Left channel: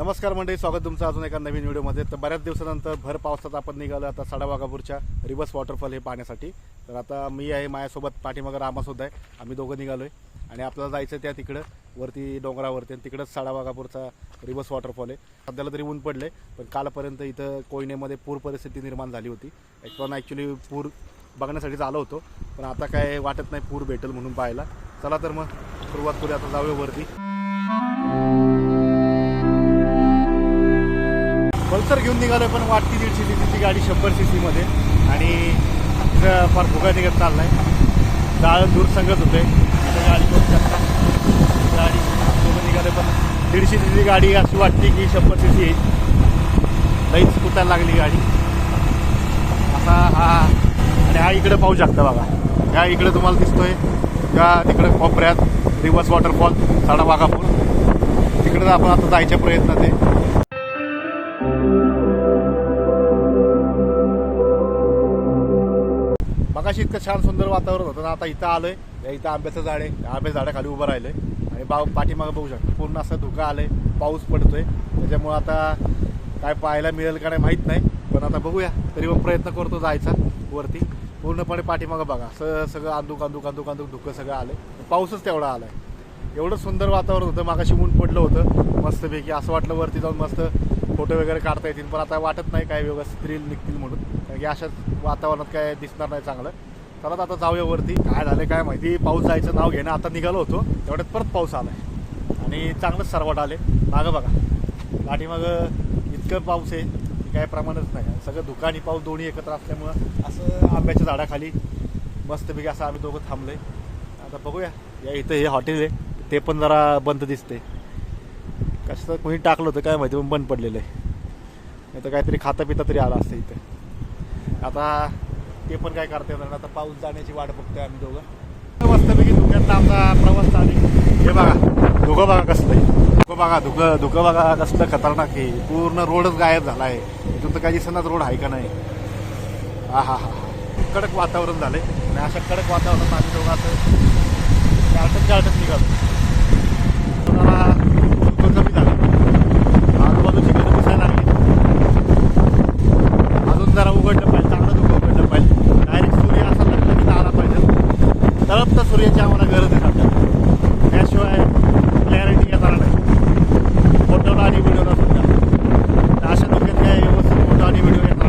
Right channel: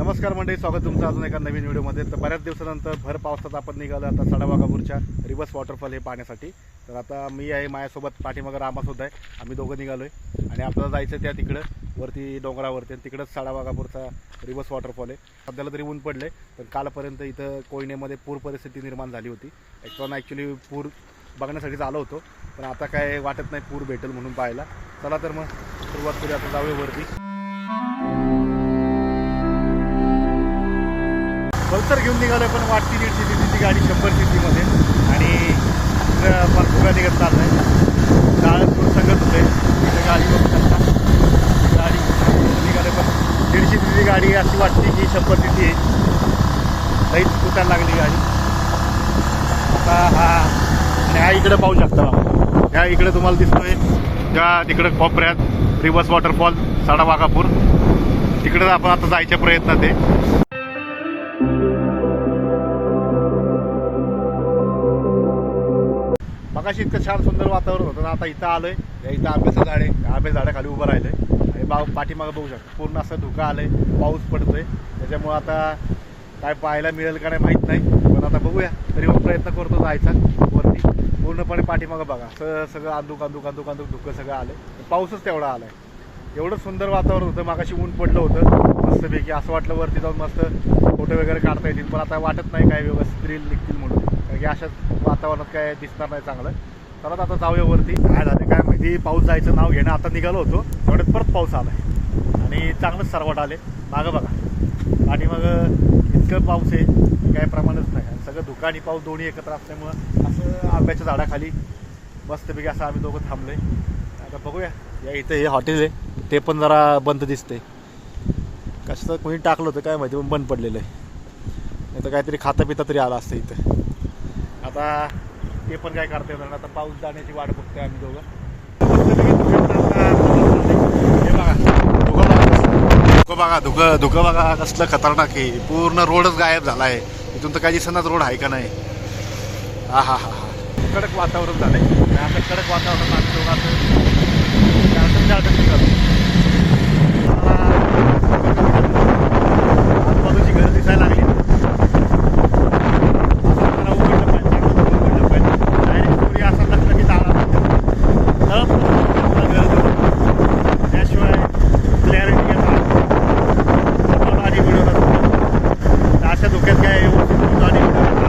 नमस्कार मंडळी स्वागत तुमचं अजून एका नवीन व्हिडिओमध्ये. तर बऱ्याच दिवसानंतर भर पावसात आपण निघालो आता सडावागापूरच्या रिवर्स वॉटरफॉल हे पाहण्यासाठी. तर आता मी आहे माझ्यासोबत पाठीमागं रामासुद्धा आहे. आम्ही दोघं निघालो आहे आणि आपल्याला जायचं त्या तिकडं वरती डोंगरावरती. आणि तिकडंच सडावागापूरचा रिवर्स वॉटरफॉल आहे. सध्याला तरी ऊन पडले पण कालपर्यंत इथं कोयनेमध्ये पूर परिस्थिती निर्माण झाली होती. ॲक्च्युअली ॲक्च्युली पूर बघण्यासाठीच आलो होतो. पण आता काय वाटत नाही पूर भेटेल म्हणून पाहायला. चला तर मग सुरुवात करूया आता जाऊया वरती. पल्सर घेऊन निघालो पण वाटती दीडशे ती गाडी शंभर सी मध्ये. आणि फार फुगा निघत चाललाय. जाळ दूर सांगत होते. तिथे गाडी बघू शकता. गाडी निघाले पण दीडशे सीची गाडी अशी वाटते की शंभर सी सी लईच कुटायला लागली गाडी. आता हा आणि हा इकडे पाहू शकता बघा. ह्या इकडे तुम्हाला दिसतोय. त्या तिकडे कोपऱ्यात रिवर्स वॉटरफॉल साडा वाघापूर. तिकडे आपण आता जायच्या प्रयत्नात आहे. मगाशी इतकं छान सुंदर वातावरण होतं ना आता इथं आलंय. या इथं आंब्याचं झाड आहे. त्या झाडाखाली उभं राहिलंय. आणि बा पाठीमागं बघू शकतो पूर्ण असं धुकं आलंय. पाऊस पडतोय. त्याच्यामुळं आता काय पाहायला मिळेल का नाही माहीत नाही. पण आता बघूया. तरी मग प्रयत्न करतो जायचा वरती. पूर्णपणे पाठीमागं बघा. असं सगळं अंदूक अंदूक अंदूक अंदूक धुकं सगळं आलंय. पाऊसच तेवढा आलाय. एवढं सुंदर वातावरण होतं. मागाशी ऊन पडलं होतं. मस्तपैकी असं वाटलं वरती जाऊन मस्त फोटो वगैरे काढता येतील. पण आता वाटत नाही काय व्यवस्थित रील निघतील म्हणून. हे अशाच वातावरणात काय दिसणार नाही चांगलं. चला आता जाऊया वरती. काय झालं काय माहिती. पाऊस जायचं नाव घेणं. आता निघालो होतो. तेवढ्यात परत पाऊस आलाय. आणि चांगलंच सरवट आले. मागं बघा. पाठीमागं इतकं पाऊस आहे काय प्रमाणच नाही. सगळं धुका आणि पाऊस दोन्ही एकत्र असल्यामुळं असं आंब्याच्या झाडाखाली मस्तपैकी असं आम्ही दोघं थांबलोय. आता बघूया. या इथं हे हॉटेल आहे. ते पण जरा बंद दिसते कसं कोणी टाकलं होतं काय माहिती पण बंद पडलेलं आहे. नाही तर काहीतरी खाता पिता तरी आला असतं इथं. आता ते पण काय करता येणार आता पाऊस जाण्याची वाट बघतोय आम्ही दोघं. मस्तपैकी धुक्यात आमचा प्रवास झाले हे बघा धुकं बघा कसलं. धुकं बघा धुकं धुकं बघा कसलं खतरनाक आहे. पूर्ण रोडच गायब झाला आहे इथून तर काही दिसनाच रोड आहे का नाही? हा हा हा हा. कडक वातावरण झालंय. आहे असं कडक वातावरण आम्ही दोघं असं गार्टन गार्टन निघालो जरा फोटो कमी झाले. आजूबाजूची घरं दिसायला लागली अजून जरा उघडलं पाहिजे चांगलं तर उघडलं पाहिजे डायरेक्ट सूर्य असा लटलकीत आला पाहिजे तळप तर सूर्याची आम्हाला गरज आहे त्याशिवाय क्लॅरिटी येणार नाही फोटोला आणि व्हिडिओला सुद्धा अशा धोक्यात काय व्यवस्थित फोटो आणि व्हिडिओ येणार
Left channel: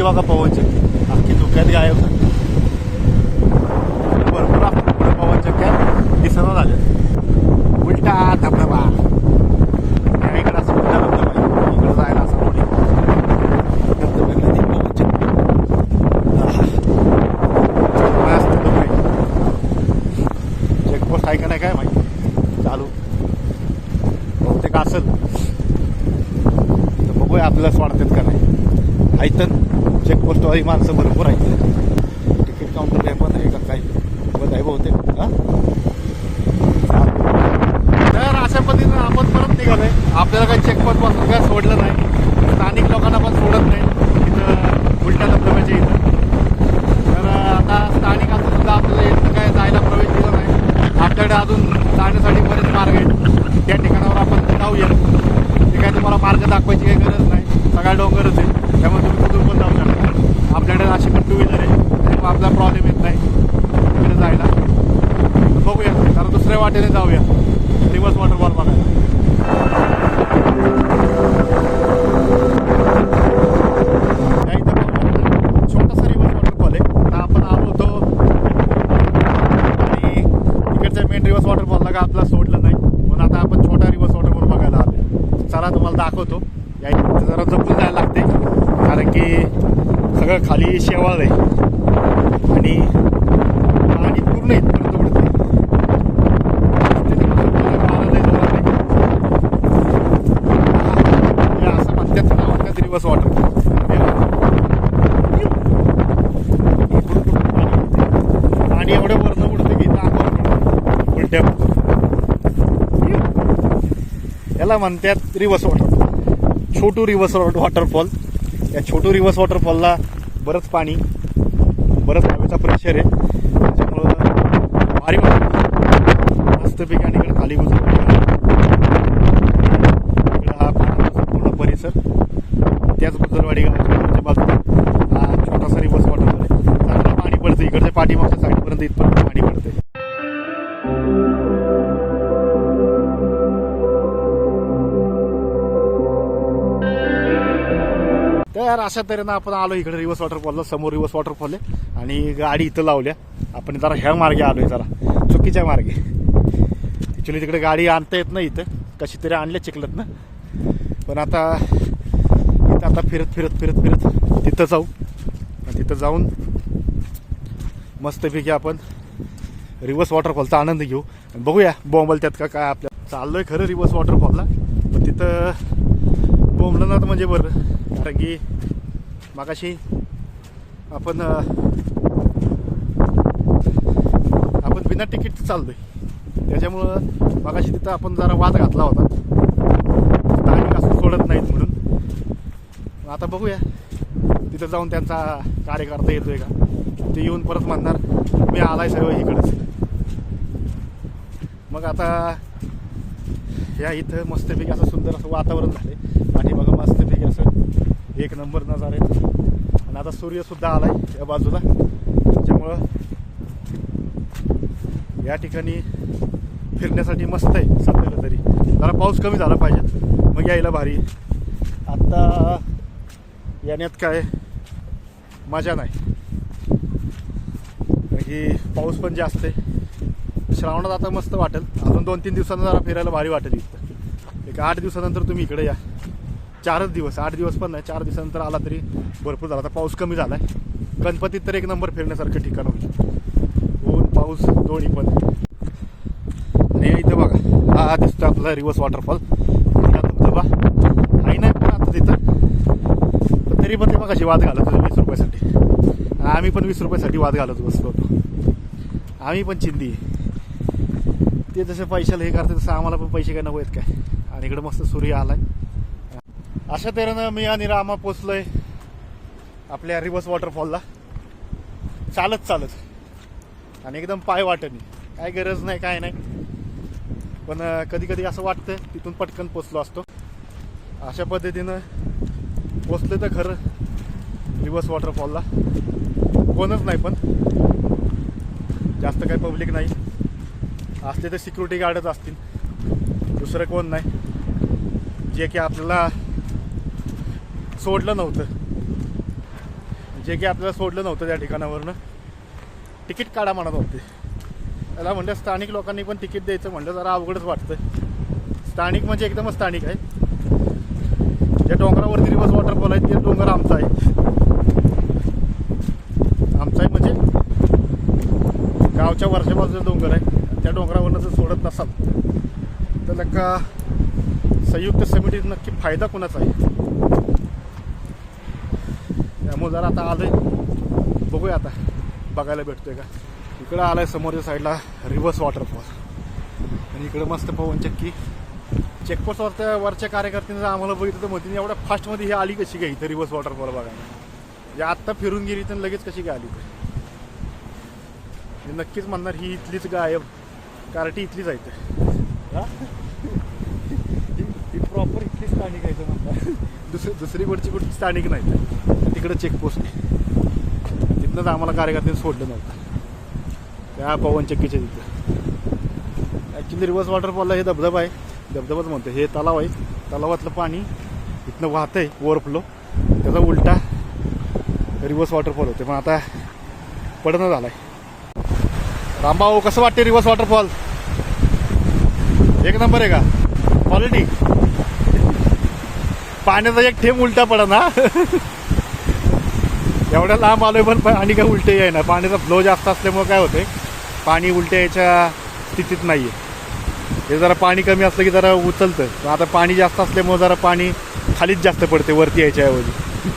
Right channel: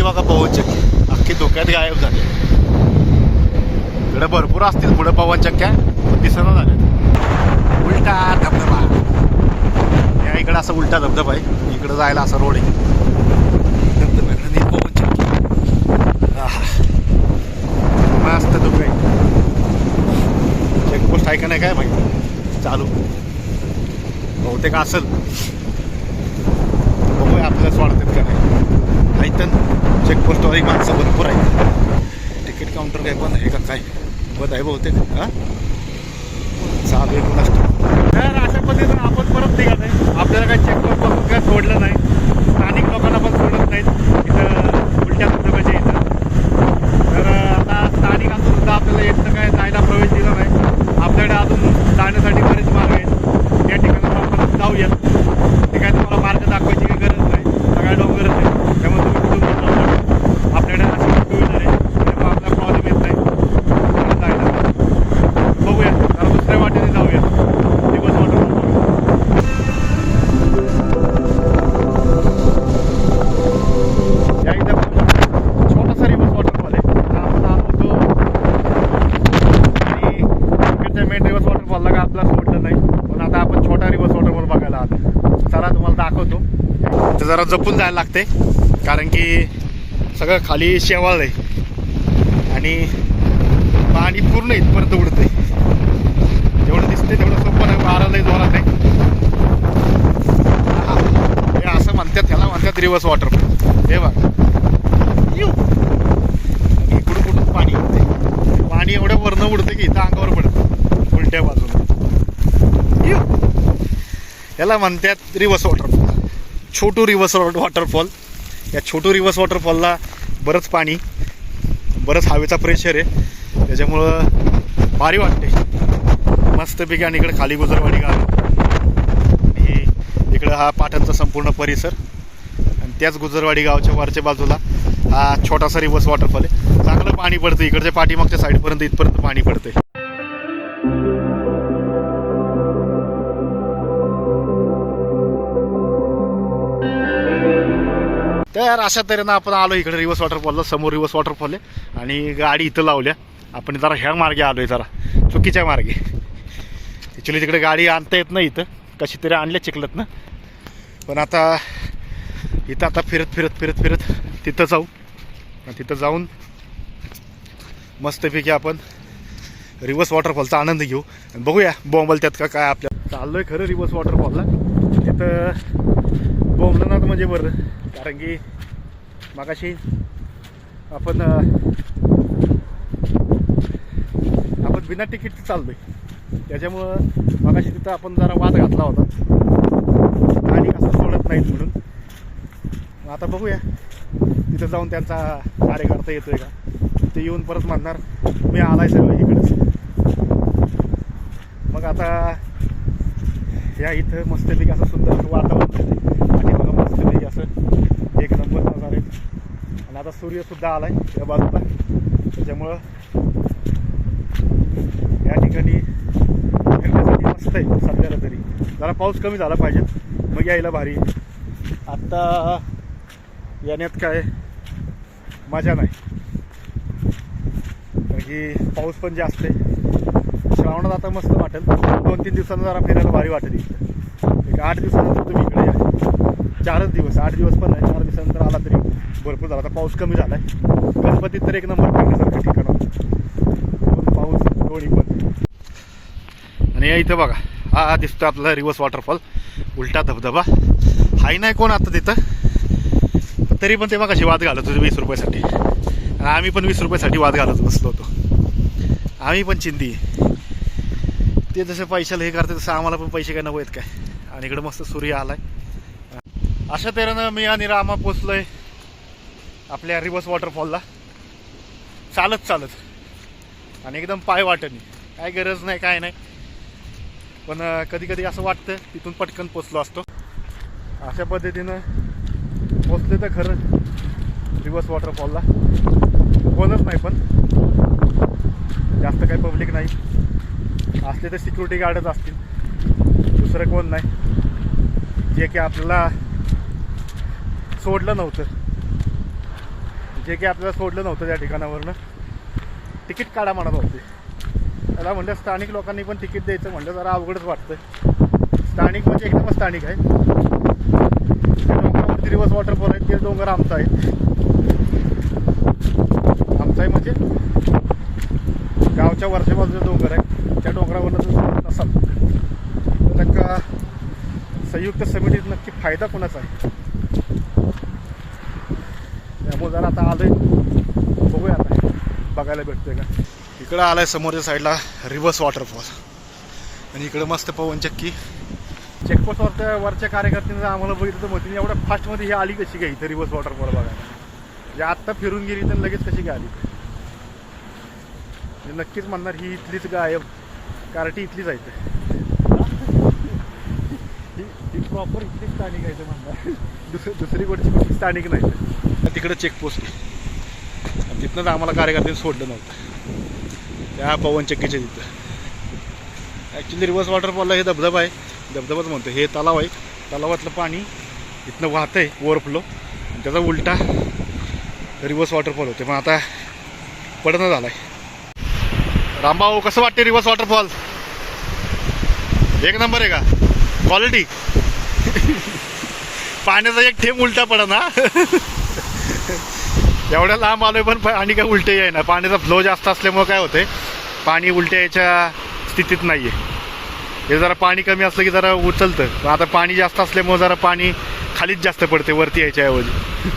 की बघा पवनचक्की अख्खी धोक्यात गायब झाली. इकडे भरपूर असतील पुढे पवनचक्क्या पण झाले. उलटा धबधबा. या इकडे असं उलटा धबधबा आहे. इकडे जायला असा रोड आहे. धबधबा नदी मस्त धोका चेकपोस्ट आहे का नाही काय माहिती. चालू. बहुतेक असेल. तर बघूया आपल्यालाच वाढतात का नाही. आहेत चेकपोस्टवाली माणसं भरपूर आहेत. तिकीट काउंटर काय बंद आहे का काय? बंद आहे बहुतेक हां? चालू तर अशा पद्धतीनं आपण परत निघालोय. आपल्याला काही चेकपोस्टपासून काय सोडलं नाही. स्थानिक लोकांना पण सोडत नाहीत. इथं उलट्या धबधब्याच्या इथं. तर आता स्थानिक असून सुद्धा आपल्याला इथं काय जायला प्रवेश दिला नाही. आपल्याकडे अजून जाण्यासाठी बरेच मार्ग आहेत. त्या ठिकाणावर आपण जाऊया. ते काय तुम्हाला मार्ग दाखवायची काही गरज नाही. सगळ्या डोंगरच आहे. त्यामुळे तुम्ही पण जाऊ शकता आपल्याकडे अशी टू व्हीलर आहे. आपला प्रॉब्लेम येत नाही. जायला. बघूया. कारण दुसऱ्या वाटेने जाऊया. दिवस वॉटरफॉल बघा एकदा पण छोटासा रिव्हर वॉटरफॉल आहे. आपण आलो होतो. आणि इकडच्या मेन रिव्हर्स वॉटरफॉलला का आपला सोडलं नाही. पण आता आपण छोटा रिव्हर्स वॉटरफॉल बघायला आलो. चला तुम्हाला दाखवतो. इथं जरा जपून जायला लागते. कारण की सगळं खाली शेवाळ आहे. आणि पाणी पूर्ण इथपर्यंत उडते आहे जेवढं दिसते तेवढं सोपं पण वारं लय जोरात आहे. हे असं म्हणतात त्याला म्हणतात रिव्हर्स वॉटरफॉल हे बघा. इकडून कुठून पाणी उडते पाणी एवढं वरनं उडतं की इथं अंगावर पडतं. उलट्या बाजूला येऊ याला म्हणतात reverse waterfall Chhotu reverse waterfall या छोटू रिव्हर्स वॉटरफॉलला बरंच पाणी बरंच हवेचा प्रेशर आहे. त्याच्यामुळं भारी वाटते मस्तपैकी आणि इकडे खाली गुजरवाडी गाव. इकडं हा पाटणचा संपूर्ण परिसर. त्याच गुजरवाडी गावच्या वरच्या बाजूला हा छोटासा रिव्हर्स वॉटरफॉल आहे. चांगलं पाणी पडतं इकडच्या पाठीमागच्या साईडपर्यंत इथपर्यंत पाणी पडते यार अशा तऱ्हेनं आपण आलो इकडे रिवर्स वॉटरफॉलला समोर रिवर्स वॉटरफॉल आहे. आणि गाडी इथं लावल्या. आपण जरा ह्या मार्गे आलो आहे जरा. चुकीच्या मार्गे. ॲक्च्युली तिकडे गाडी आणता येत नाही इथं. कशी तरी आणल्या चिखलत ना पण आता इथं आता फिरत फिरत फिरत फिरत तिथं जाऊ. तिथं जाऊन मस्तपैकी आपण रिवर्स वॉटरफॉलचा आनंद घेऊ. आणि बघूया बॉम्बल त्यात का काय आपल्या चाललोय खरं रिवर्स वॉटरफॉलला तिथं बोंबलं ना तर म्हणजे बरं. कारण की मागाशी आपण आपण बिना तिकीटचं चाललोय. त्याच्यामुळं मागाशी तिथं आपण जरा वाद घातला होता. स्थानिक असं सोडत नाहीत म्हणून. आता बघूया. तिथं जाऊन त्यांचा कार्यकर्ता येतोय का? ते येऊन परत म्हणणार मी आलाय सगळं इकडंच. मग आता या इथं मस्तपैकी असं सुंदर वातावरण झालं आणि बघा मस्तपैकी असं एक नंबर नजारे आणि आता सूर्यसुद्धा आला आहे या बाजूला. त्याच्यामुळं या ठिकाणी फिरण्यासाठी मस्त आहे सध्याला तरी. जरा पाऊस कमी झाला पाहिजे. मग यायला भारी. आत्ता येण्यात काय मजा नाही. कारण की पाऊस पण जास्त आहे. श्रावणात आता मस्त वाटेल. दोन तीन दिवसांना जरा फिरायला भारी वाटेल इथं. एक आठ दिवसानंतर तुम्ही इकडे या. चारच दिवस आठ दिवस पण नाही चार दिवसानंतर आला तरी भरपूर झाला. आता पाऊस कमी झाला आहे गणपतीत तर एक नंबर फिरण्यासारखं ठिकाण होतं ऊन पाऊस दोन्ही पण आणि इथं बघा हा दिसतो आपला रिवर्स वॉटरफॉल. उलटा धबधबा. हाही नाही कोण आता तिथं? तरी पण ते बघा वाद घालत होते वीस रुपयासाठी. आम्ही पण वीस रुपयासाठी वाद घालत बसलो होतो. आम्ही पण चिंदी. ते जसं पैशाला हे करते तसं आम्हाला पण पैसे काय नको आहेत काय? आणि इकडं मस्त सूर्य आलाय. अशा तऱ्हेनं मी आणि रामा पोचलोय आपल्या रिवर्स वॉटरफॉलला. चालत चालत. आणि एकदम पाय वाटणी. काय गरज नाही काय नाही. पण कधी कधी असं वाटतं तिथून पटकन पोचलो असतो. अशा पद्धतीनं पोचले तर खरं रिवर्स वॉटरफॉलला. कोणच नाही पण. जास्त काही पब्लिक नाही. असले तर सिक्युरिटी गार्डच असतील. दुसरं कोण नाही. जे की आपल्याला सोडलं नव्हतं. जे की आपल्याला सोडलं नव्हतं त्या ठिकाणावरनं. तिकीट काढा म्हणत होते. त्याला म्हणलं स्थानिक लोकांनी पण तिकीट द्यायचं म्हणलं जरा अवघडच वाटतं स्थानिक म्हणजे एकदमच स्थानिक आहे. त्या डोंगरावरती रिवर्स वॉटरफॉल आहे ते डोंगर आमचा आहे आमचा आहे म्हणजे गावच्या वरच्या डोंगर आहे. त्या डोंगरावरनं जर सोडत नसाल तर का संयुक्त समितीत नक्की फायदा कोणाचा आहे? त्यामुळे जरा आता आलोय. बघूया आता. बघायला भेटतोय का? इकडं आलाय समोरच्या साईडला रिवर्स वॉटरफॉल. आणि इकडं मस्त पवन चक्की. चेकपोस्टवरच्या वरच्या कार्यकर्त्यांनी जर आम्हाला बघितलं तर म्हणतील एवढ्या फास्टमध्ये ही आली कशी काय इथं रिवर्स वॉटरफॉल बघायला? म्हणजे आत्ता फिरून गेली तर लगेच कशी काय आली म्हणजे नक्कीच म्हणणार ही इथलीच गायब. कार्टी इथलीच आहे प्रॉपर इथली स्थानिक आहे म्हणणार दुसरी दुसरी गोडची कुठली स्थानिक नाही. तिकडं चेकपोस्ट तिथनंच आम्हाला कार्यकर्त्यांनी सोडलं नव्हतं. त्या पवन चक्कीच्या तिथं. ॲक्च्युली रिवर्स वॉटरफॉलला हे धबधबा आहे. धबधबाच म्हणतो हे तलाव आहे. तलावातलं पाणी इथनं वाहतं आहे ओव्हरफ्लो त्याचा उलटा रिवर्स वॉटरफॉल होते पण आता पडणं झाला आहे रामभाऊ कसं वाटते रिवर्स वॉटरफॉल एक नंबर आहे का? क्वालिटी पाण्याचा एक थेंब उलटा पडा ना. एवढ्या लांब आलोय पण आणि काय उलटे आहे ना. पाण्याचा फ्लो जास्त असल्यामुळे काय होते पाणी उलट्या यायच्या स्थितीत नाही आहे हे जरा पाणी कमी असलं की जरा उचलतं. पण आता पाणी जास्त असल्यामुळे जरा पाणी खालीच जास्त पडते वरती यायच्या ऐवजी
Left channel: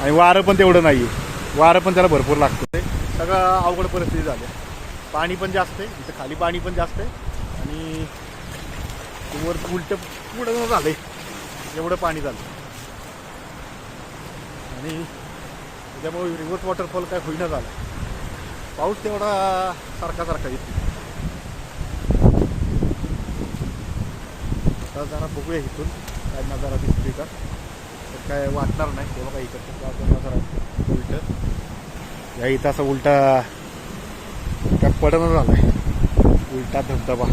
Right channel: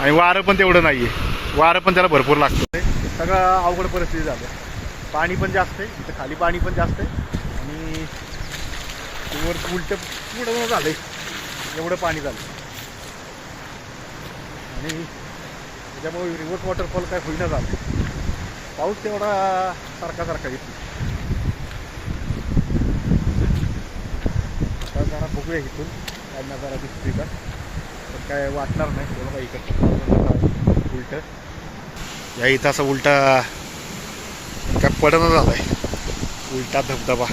आणि वारं पण तेवढं नाही आहे वारं पण त्याला भरपूर लागतं ते सगळं अवघड परिस्थिती झाली पाणी पण जास्त आहे इथं खाली पाणी पण जास्त आहे. आणि वरती वर उलटं पुढं झालं आहे एवढं पाणी झालं. आणि त्याच्यामुळे रिव्हर्स वॉटरफॉल काय होईना झालं. पाऊस तेवढा सारखा सारखा येतो आता जरा बघूया इथून काय नजारा दिसतोय का. पण काय वाटणार नाही. हे बघा इकडं उलट या इथं असं उलटा काय पडणं झालाय. उलटा धबधबा.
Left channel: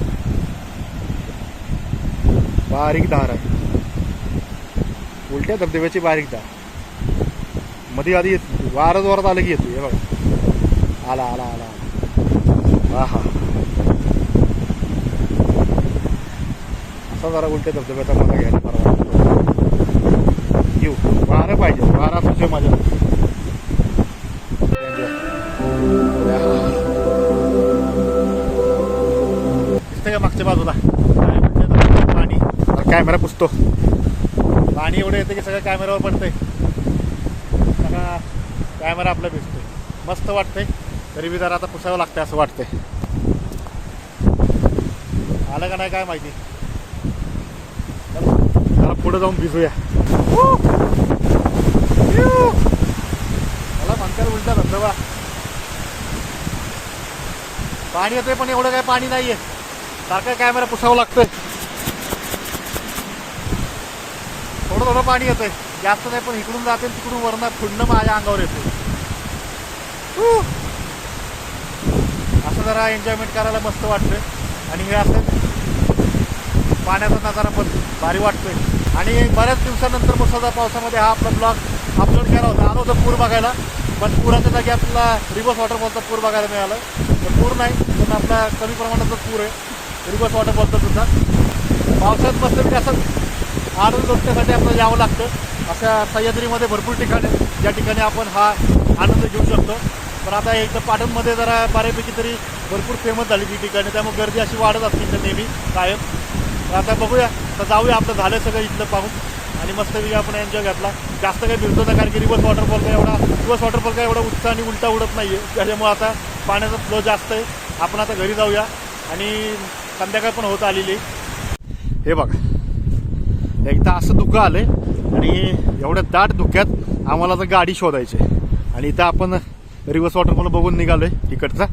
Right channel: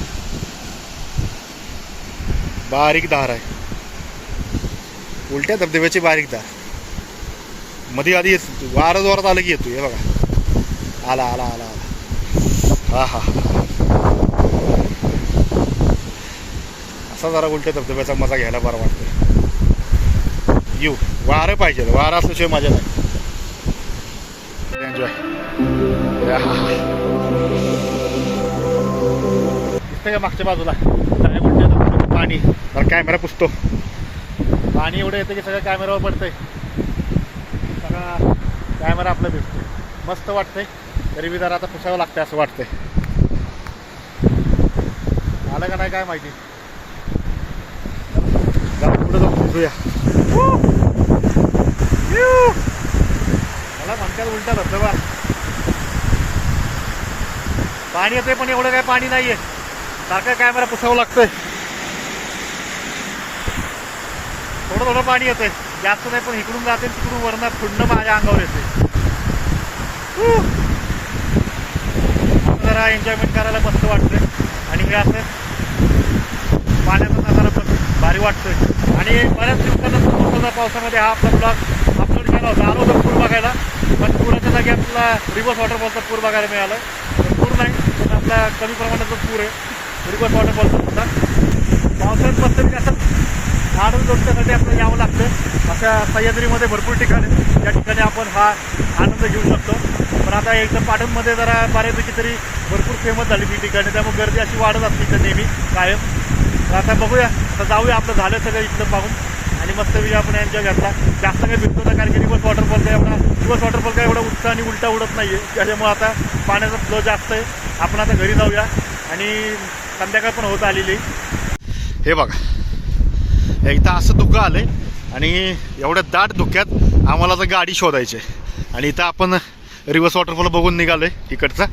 बारीक धार आहे. उलट्या धबधब्याची बारीकमध्ये आधी येत वारं जोरात आलं की येतो हे बघा. आला आला आला आला. हा हा हा असा जरा उलट्या धबधब्याचा मजा घ्यायला बरं वाटतं. येऊ. वारं पाहिजे. वारा असल्याशिवाय मजा नाही. एन्जॉय दिसतंय का मागच्या बाजूला? काय म्हणते पाणी. तर कॅमेरा पुसतो. पाणी एवढं येतं की सगळं कॅमेऱ्यावर पडतंय. सगळा कॅमेरा आपला भिजतोय मस्त वाटतंय. तरी बी जरा आता पुसावं लागतंय असं वाटतंय. आलं का नाही काय माहिती? जरा पुढे जाऊन भिजूया. मला म्हणतात उलटा धबधबा. पाणी येतंय पण एवढं काय पाणी नाहीये. सारखं कॅमेरा पुसावं लागतंय. थोडं पाणी येतंय. जास्त नाही पण इकडून जाते तिकडून वरण फुडणं माझ्या अंगावर येते. असं जरा एन्जॉयमेंट करायला मस्त वाटतंय. आणि हे असं पाण्याचा नजारा पण भारी वाटतोय. आणि बऱ्याच दिवसानंतर मुसळधार पावसामध्ये हा आपला ब्लॉग अपलोड केला होता. आलो होतो पूर बघायला. पण पुराच्या जागी आपला रिवर्स वॉटरफॉलचा पूर बघायला मिळाला तर पूर नाही पण आपला कमी प्रमाणाचा पूर आहे. रिवर्स वॉटरफॉलचा सुद्धा. पावसाळ्यात मस्त असं आनंद लोटण्यासाठी आपल्याला यावं लागतं. अशा सह्याद्रीमध्ये भरपूर ठिकाणी आहेत, ज्या ठिकाणी आपण हा आनंद घेऊ शकतो. पण आता एकदम पाटणमध्ये जरा बऱ्यापैकी तरी भरपूर फेमस झाली ती ठिकाणी त्यामुळे गर्दी अशी वाढत असते इथं नेहमी कायम. तर आता बघूया आता जाऊया आपलं झालं सगळं इथलं पाहून. आणि मस्त मस्तपैकी आपण एन्जॉय घेतला. जास्त काही फिरतो ना कारण की रिवर्स वॉटरफॉल काय एवढा रिवर्स वॉटरफॉल काय एवढा उठता आणि उलटा उडत नाही आहे त्याच्यामुळे आता पाण्याचा फ्लो जास्त आहे. आपण आता घरी जाऊया. आणि संध्याकाळ पण होत आलेली आहे. हे बघा. एकदा असं धुकं आहे आणि एवढ्या दाट धुक्यात आम्हाला तर गाडी शोधायची आहे. आणि इथं आपण रिव्हर्स वॉटरफॉल बघून निघालोय इकडचा.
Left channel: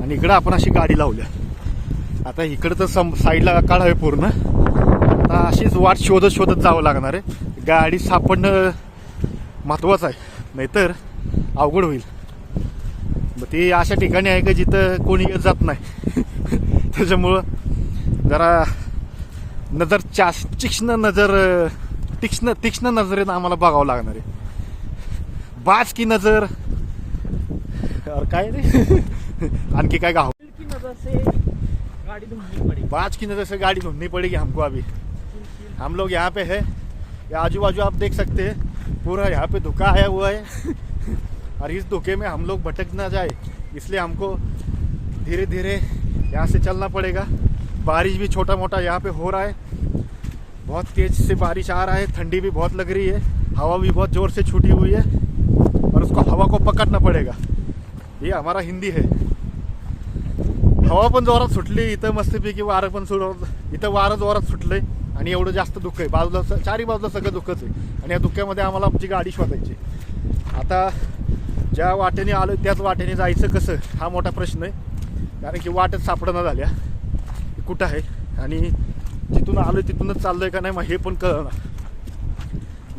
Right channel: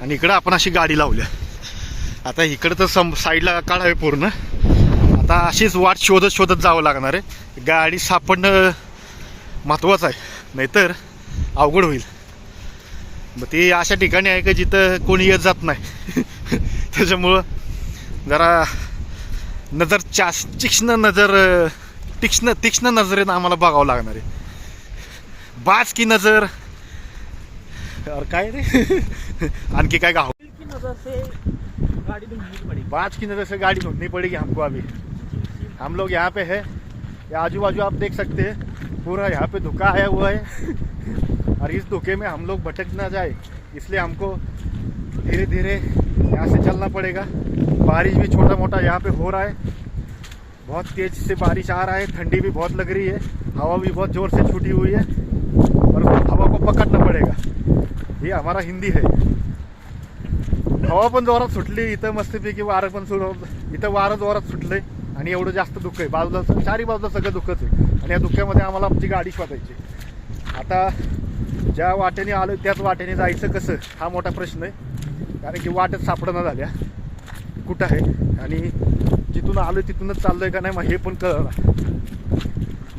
आणि इकडं आपण अशी गाडी लावल्या. आता इकडं तर सम साईडला काढावे आहे पूर्ण. आता अशीच वाट शोधत शोधत जावं लागणार आहे. गाडी सापडणं महत्त्वाचं आहे. नाहीतर अवघड होईल. मग ती अशा ठिकाणी आहे का जिथं कोणी येत जात नाही? त्याच्यामुळं जरा नजर चास तीक्ष्ण नजर तीक्ष्ण तीक्ष्ण नजरेनं आम्हाला बघावं लागणार आहे. बाज की नजर. काय रे? आणखी काय गाव? की नजर से गाड़ी पड़ी बाज की नजर से गाड़ी ढूंढनी पड़ेगी हमको अभी. हम लोग यहाँ पे है. ये आजू बाजू आप देख सकते हैं. पूरा यहाँ पे धुका आया हुआ है. और इस धुके में हम लोग भटक ना जाए. इसलिए हमको धीरे धीरे यहाँ से चलना पड़ेगा. बारिश भी छोटा मोटा यहाँ पे हो रहा है। बहुत तेज से बारिश आ रहा है ठंडी भी बहुत लग रही है हवा भी बहुत ज़ोर से छूटी हुई है और उसको हवा को पकड़ना पड़ेगा। ये हमारा हिंदी है। हवा पण जोरात सुटली इथं मस्तपैकी वारं पण सुरू इथं वारं जोरात सुटलंय आणि एवढं जास्त दुःख आहे. बाजूला स- चारी बाजूला सगळं दुःखच आहे. आणि या दुःखामध्ये आम्हाला आमची गाडी शोधायची आता ज्या वाटेने आलो त्याच वाटेने जायचं कसं हा मोठा प्रश्न आहे. कारण की वाटच सापडणं झाल्या. कुठं आहे? आणि जिथून आलोय तिथूनच चाललोय का नाही मग हे पण कळणार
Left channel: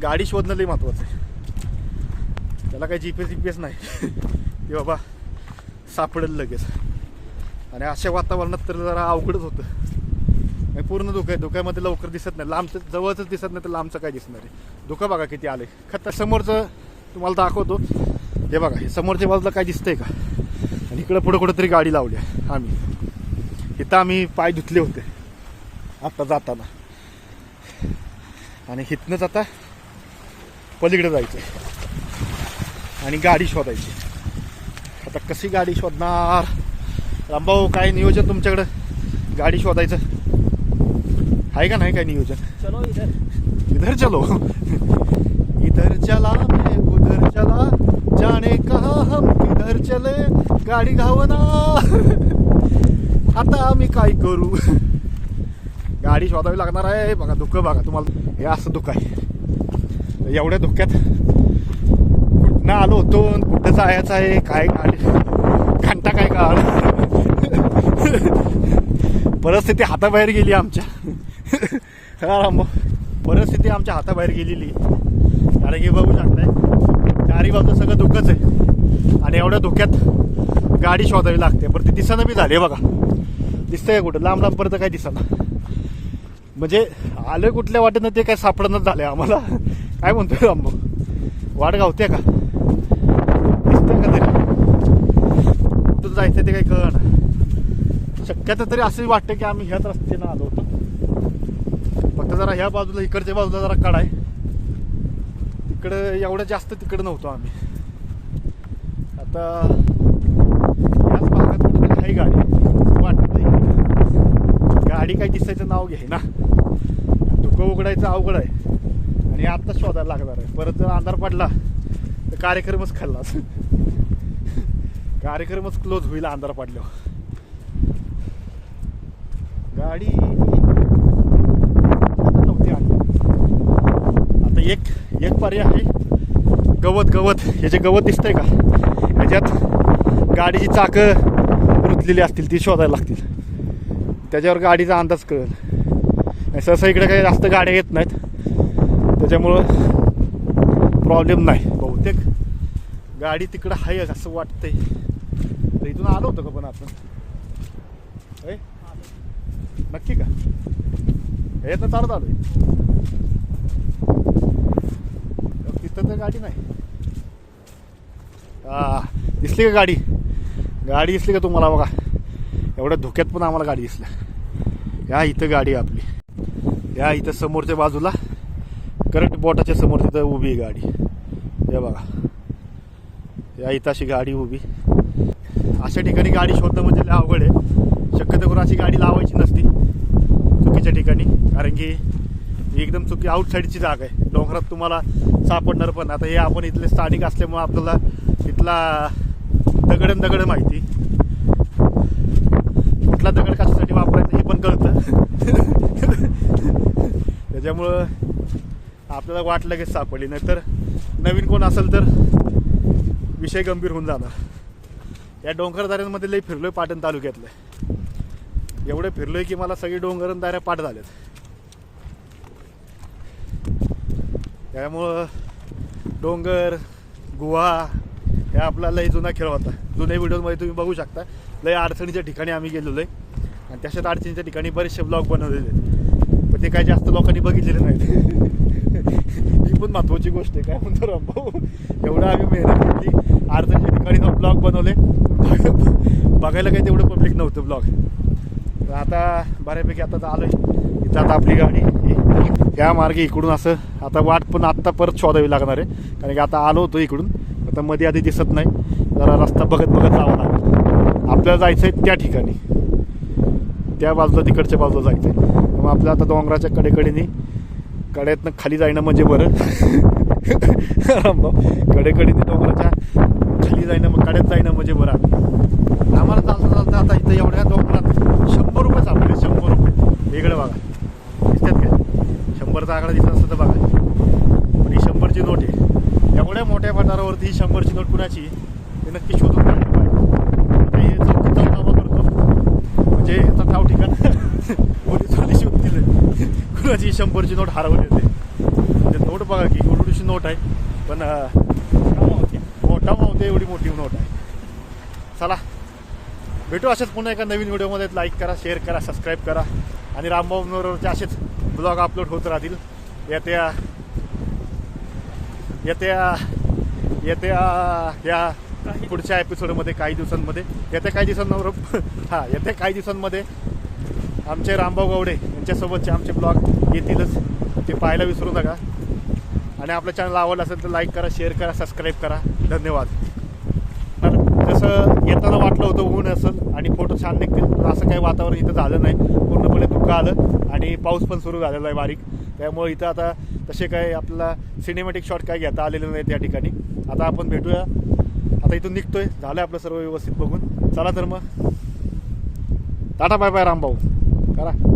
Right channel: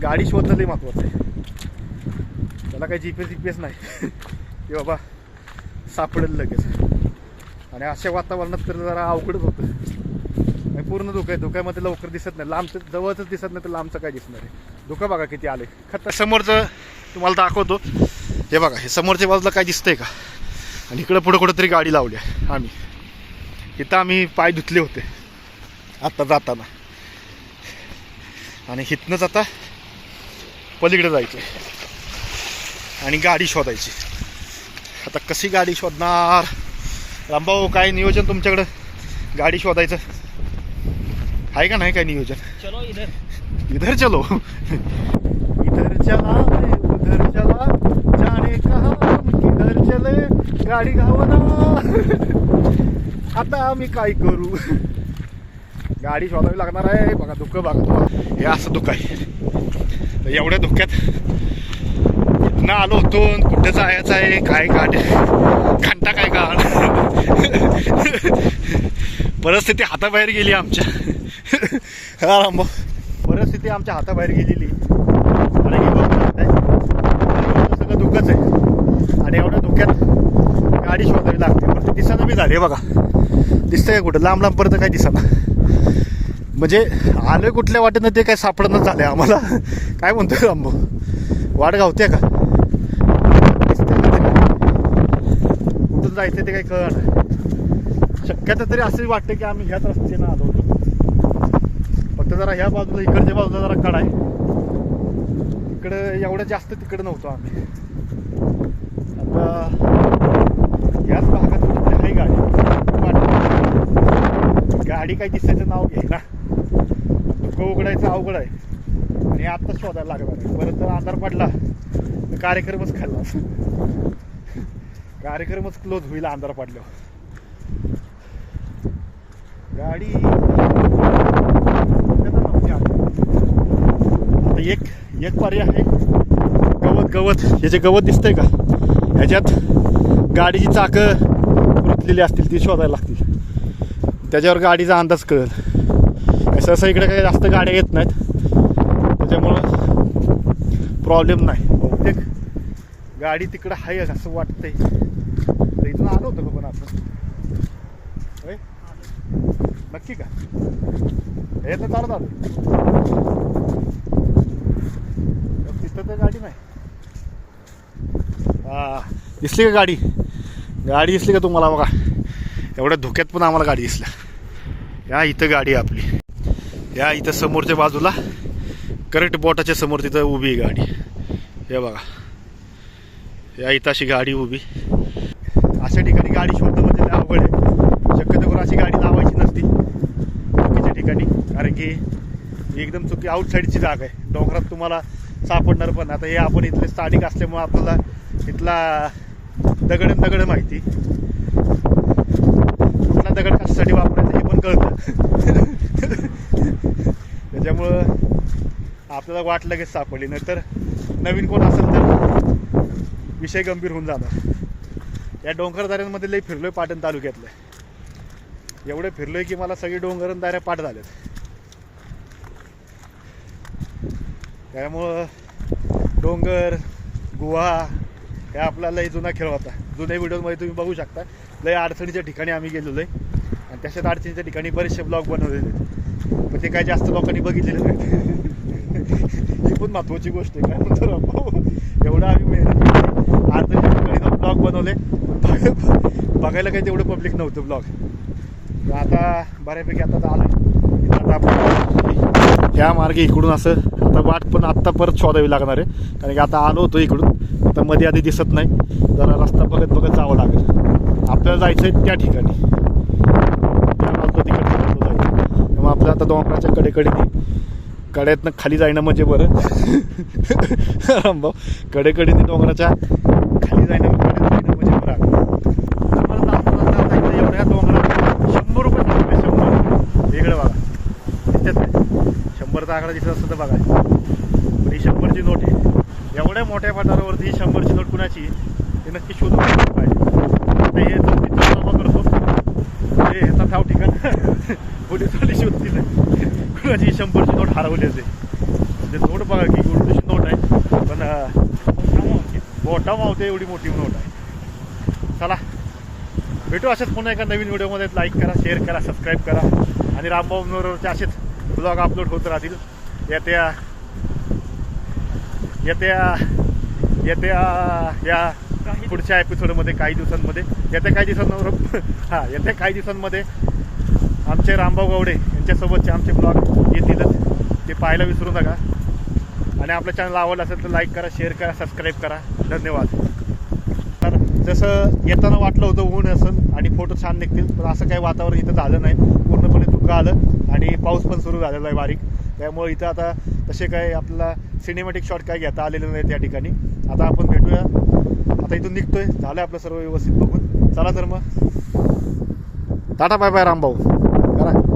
गाडी शोधणं लई महत्वाचं आहे. त्याला काही G P S G P S नाही. की बाबा सापडेल लगेच. आणि अशा वातावरणात तर जरा अवघडच होतं. आणि पूर्ण धुकं आहे. धुक्यामध्ये लवकर दिसत नाही. लांबचं जवळच दिसत नाही तर लांबचं काय दिसणार आहे? धुकं बघा किती आले खत समोरचं तुम्हाला दाखवतो. हे बघा हे समोरच्या बाजूला काय दिसतंय का? आणि इकडं पुढं कुठंतरी गाडी लावली आहे. आम्ही. इथं आम्ही पाय धुतले होते. आत्ता जाताना. आणि इथनंच आता पलीकडे जायचे आणि गाडी शोधायची. आता कशी गाडी शोधणार? रामभाऊ काय नियोजन तुमच्याकडं? गाडी शोधायचं. आहे का नाही काय नियोजन? चलो इधर. इधर चलो. इधर चला उधर चला. जाने कहा हम? किधर चले? गाडी घावना. आता आम्ही काय करू? गाडी शोधावी लागणार आहे. बघा दुःख बघा. तुम्हाला हे असं दुःख आहे. एवढ्या धुक्यात कुठनं आलो होतो कुठं जायचं आहे? काय गाडी घंटा काय काढ? परिस्थिती हाताबाहेर गेली आमच्या. हा परिस्थिती आमच्या हाताबाहेर गेलेली. कारण हे बघू आहे. आणि बघतो सगळं धुकंच आहे. आणि एवढ्या धुक्यात गाडी शोधावी लागते. बरं ते दिसायला बी झाली बघा. दिसतंय कुठं? लांब लांबपर्यंत काय दिसाना म्हणजे आलं कुठल्या वाटेनं ते काय सापडणं झालंय आम्हाला. काय म्हणतो लांब वाट गावते का? का कुठं जायचं ते काही कळणार शक्यता तरी असंही वाटतं की आम्ही ह्याच रस्त्यानं आलो होतो. फक्त जरा ह्या बाजूला इकडच्या बाजूला जरा कडा आहे तिकडं एवढं जास्त तिकडं नव्हतो आम्ही. आता याच भागात नाही आहे गाडी. गाडी काही दिसायचं नाव घे ना धुकं उघडायचं अवघड आहे. आणि आत्ता शोधायला लागणार आहे. परत जर अंधार पडला तर कार्यक्रमच खाल्ला कार्यक्रमच क्लोज होईल अंधार पडल्यावर. गाडी नव्हती आता एक एक पर्याय आहे. गवत गवत. हे जे गवत दिसतंय का? ह्याच्यात गाडीची चाकं रुतलेली असतील ती शोधायला लागतील. त्याच्यावर गाडीचा अंदाज कळेल. सहसा इकडे काही जास्त गाड्या येत नाहीत. त्याच्यामुळं प्रॉब्लेम नाही. बहुतेक गाडी तिकडं आहे असं वाटतंय. तर इथून आलो होतो का पण आपण? होय? नक्की का? यातनं चालत आलो तिथं तर गाडी नाही. हा दिसली का गाडी? गाडी दिसली का तुम्हाला बघा. एवढ्या धोक्यात पण आम्हाला गाडी दिसल्या. या इथं गाडी आपली. या इथं समोरच्या बाजूला करेक्ट बोटाच्या समोर तिथं उभी आहे गाडी. हे बघा. या इथं अशी गाडी उभी. अशा ठिकाणी गाडी शोधणं म्हणजे अवघड आहे. शक्यतो करून अशी गाडी लावायची नसती. चुकीच्या ठिकाणी. कारण की एकदम चुकी आउटसाईडची जागा आहे. डोंगरात तुम्हाला सापडणार पण. आता हे आपण इथले स्थानिक असल्यामुळे आपल्याला इथला दगड दगड माहिती. कुठला दगड कशासाठी वापरायचा हे पण कळतं. त्याच्यामुळं आपल्याला वाट लगेच सापडली नाहीतर नवीन कोण असेल तर विषय गंभीर होऊन जाणार. या डोंगरदाऱ्यांमध्ये लई फिरलोय पाटण तालुक्यातलं. एवढं फिरलोय की मला सगळी डोंगरदाऱ्या पाठ झाल्यात त्यामुळं डोंगर गुहा हे आपला लई जुना खेळ होता. जुन्या व्हिडिओमध्ये तुम्ही बघू शकता. लय अडचणीच्या ठिकाणी आम्ही गेलेलो आहे आणि तशाच अडचणीच्या ठिकाणी बरेचसे ब्लॉग बनवलेले आहेत. पण ते काय जास्त लोकांनी बघितलेले नाहीत. ही पण महत्वाची गोष्ट आहे. काय म्हणतो रामभाऊ? एवढं आम्ही मेहनत केली. अडचणीच्या ठिकाणी ब्लॉग बनवले. बघायला काही तेवढं पब्लिक नव्हतं ब्लॉग तर आता बऱ्यापैकी आता आलो इथं आता आपली त्या मार्गे इकडून असं आता वाट पण आत्ता परत शोधावी लागणार आहे. कारण की आता आलो होतो इकडून. आता मध्ये आधी दिसत नाही. जरा रस्ता बघत बघत जावं लागेल. आपल्याला जायचं आहे त्या ठिकाणी. त्या बाजूला तिकडच्या बाजूला जायचं आहे मग आपल्याला आता डोंगराच्या कडेकडेने कड्यातनं खाली जाणं म्हणजे बरं. रामभाऊ कडेकडेने डोंगराच्या खाली जाणं कड्यात जाणं म्हणजे बरं आम्हाला चालता जाता जायचं एवढ्या डोंगरात शंभर रुपये सांगले शंभर रुपये. वेगळं बघा. दिसतात काय? शंभरचा आकडा दिसत असतं तर बघा. पण ही शंभरची नोट आहे. एवढ्या मोठ्या पठारावरती ही शंभरची नोट कुणाची? हे नक्की शोधून पाहिजे. हे चौकीचा जमा करतो म्हणजे ह्याचा ठाव ठिकाण पोलिसवाले शोधतील. कुणाची शंभरची नोट हरवली होते? म्हणजे नोट बघा की एवढीशी नोट आहे पण मोठा मावते एवढी मोठी नोट आहे. चला भेटू असेच पुन्हा एका नवीन व्हिडिओमध्ये. लाईक करा शेअर करा सबस्क्राईब करा. आणि रामभाऊ मनोरवरचे असेच ब्लॉग अपलोड होत राहतील. या त्या येत्या येत्या या पुढच्या एपिसोडमध्ये काही दिवसांमध्ये येत्या काही दिवसांवर हां येत्या काही दिवसांमध्ये आमचे रामभाऊ गावडे यांच्यासोबतचे आमचे ब्लॉग येतीलच. ते पाहायला विसरू नका. आणि आपलं चॅनल आवडलं असेल तर लाईक करा शेअर करा सबस्क्राईब करा. धन्यवाद. तर जसं येताना वाटलं होतं ऊन असेल आणि फोटो छान निघतील पण असं काही वातावरण इथं झालं नाही. पूर्णपणे धुकं आलं आणि पाऊस पण सुरू झालेला आहे बारीक. त्यामुळे इथं आता तसे काय आपल्याला सिनेमॅटिक शॉट काय घेता आलेले नाही त्या ठिकाणी. आता आपण भेटूया. आता इथून निघतोय. झालं आपलं सर्व व्यवस्थित बघून. चला तर मग. Tata bye bye Rambhau. करा.